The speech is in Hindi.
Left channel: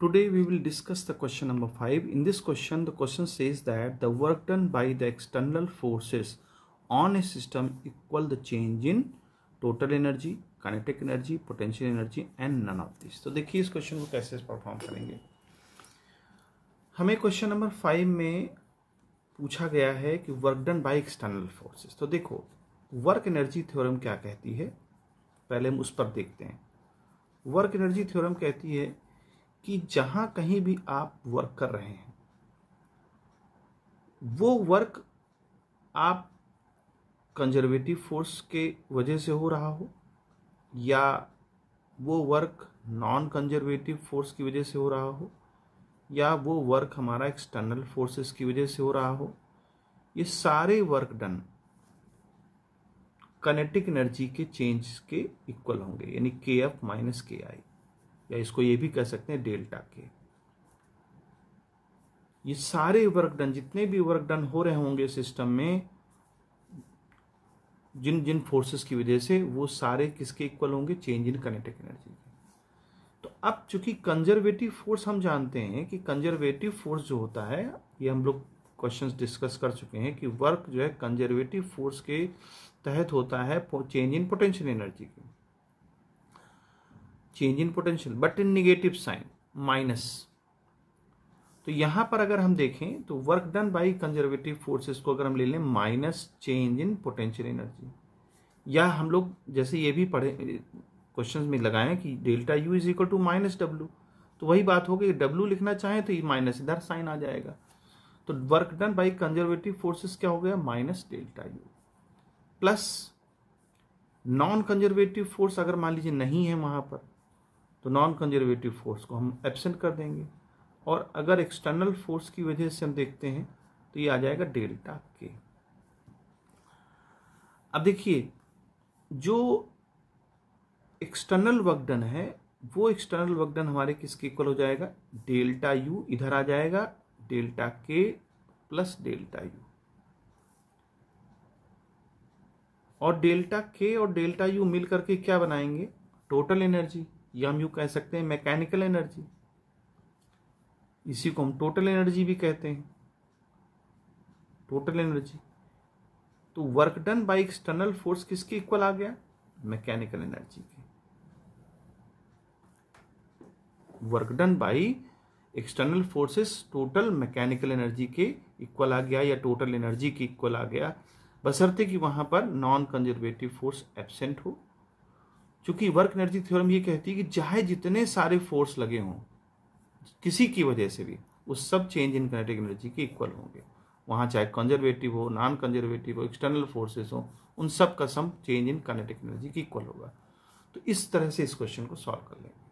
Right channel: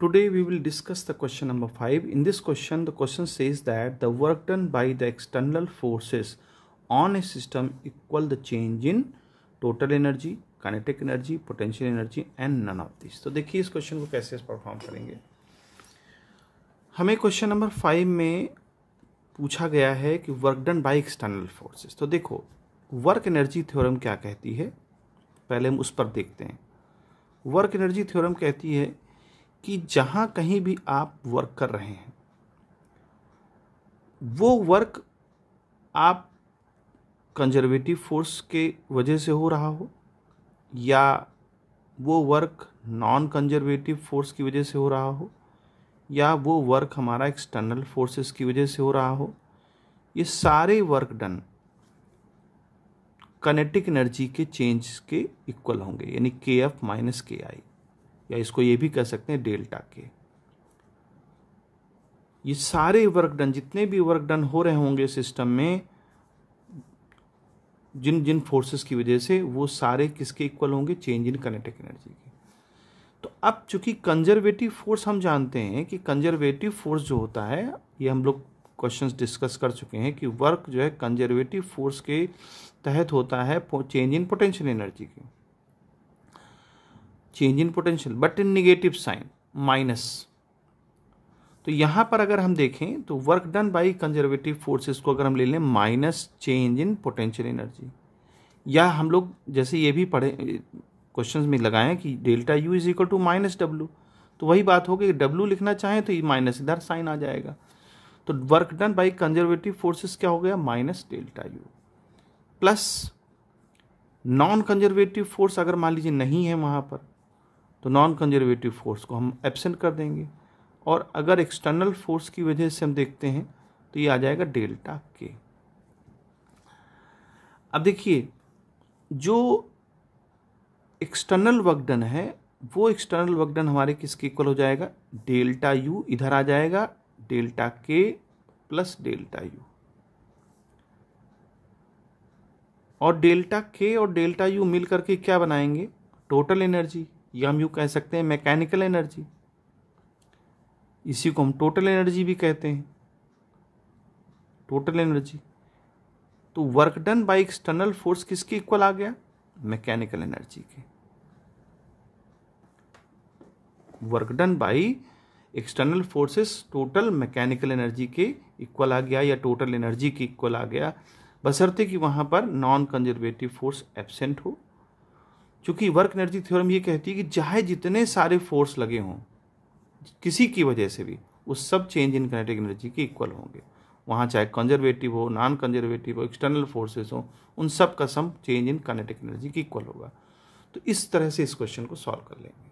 Today we will discuss the question number 5. In this question, the question says that the work done by the external forces on a system equal the change in total energy, kinetic energy, potential energy and none of this. तो देखिए इस क्वेश्चन को कैसे परफॉर्म करेंगे. हमें क्वेश्चन नंबर 5 में पूछा गया है कि work done by external forces. तो देखो वर्क एनर्जी थ्योरम क्या कहती है, पहले हम उस पर देखते हैं. वर्क एनर्जी थ्योरम कहती है कि जहाँ कहीं भी आप वर्क कर रहे हैं वो वर्क आप कंजर्वेटिव फोर्स के वजह से हो रहा हो या वो वर्क नॉन कंजर्वेटिव फोर्स की वजह से हो रहा हो या वो वर्क हमारा एक्सटर्नल फोर्सेस की वजह से हो रहा हो, ये सारे वर्क डन काइनेटिक एनर्जी के चेंज के इक्वल होंगे, यानी KF माइनस KI, या इसको ये भी कह सकते हैं डेल्टा के. ये सारे वर्क डन, जितने भी वर्क डन हो रहे होंगे सिस्टम में जिन जिन फोर्सेस की वजह से, वो सारे किसके इक्वल होंगे, चेंज इन काइनेटिक एनर्जी के. तो अब चूंकि कंजर्वेटिव फोर्स हम जानते हैं कि कंजर्वेटिव फोर्स जो होता है, ये हम लोग क्वेश्चंस डिस्कस कर चुके हैं कि वर्क जो है कंजर्वेटिव फोर्स के तहत होता है चेंज इन पोटेंशियल एनर्जी की, change in potential but in negative sign minus. तो यहां पर अगर हम देखें तो work done by conservative forces को अगर हम ले लें minus change in potential energy, या हम लोग जैसे ये भी पढ़े क्वेश्चंस में लगाएं कि delta U is equal to minus W, तो वही बात होगी, डब्ल्यू लिखना चाहें तो ये माइनस इधर साइन आ जाएगा. तो work done by conservative forces क्या हो गया, minus delta U, plus non conservative force अगर मान लीजिए नहीं है वहां पर, तो नॉन कंजर्वेटिव फोर्स को हम एब्सेंट कर देंगे, और अगर एक्सटर्नल फोर्स की वजह से हम देखते हैं तो ये आ जाएगा डेल्टा के. अब देखिए जो एक्सटर्नल वर्क डन है वो एक्सटर्नल वर्क डन हमारे किसके इक्वल हो जाएगा, डेल्टा यू इधर आ जाएगा, डेल्टा के प्लस डेल्टा यू, और डेल्टा के और डेल्टा यू मिल करके क्या बनाएंगे, टोटल एनर्जी, या हम यूँ कह सकते हैं मैकेनिकल एनर्जी. इसी को हम टोटल एनर्जी भी कहते हैं, टोटल एनर्जी. तो work done by external force किसके इक्वल आ गया, मैकेनिकल एनर्जी के. Work done by external forces total mechanical energy के इक्वल आ गया, या टोटल एनर्जी के इक्वल आ गया, बशर्ते कि वहां पर नॉन कंजर्वेटिव फोर्स एब्सेंट हो. क्योंकि वर्क एनर्जी थ्योरम ये कहती है कि चाहे जितने सारे फोर्स लगे हों किसी की वजह से भी, वो सब चेंज इन काइनेटिक एनर्जी के इक्वल होंगे. वहाँ चाहे कंजर्वेटिव हो, नॉन कंजर्वेटिव हो, एक्सटर्नल फोर्सेस हो, उन सब का sum change in kinetic energy के इक्वल होगा. तो इस तरह से इस क्वेश्चन को सॉल्व कर लेंगे.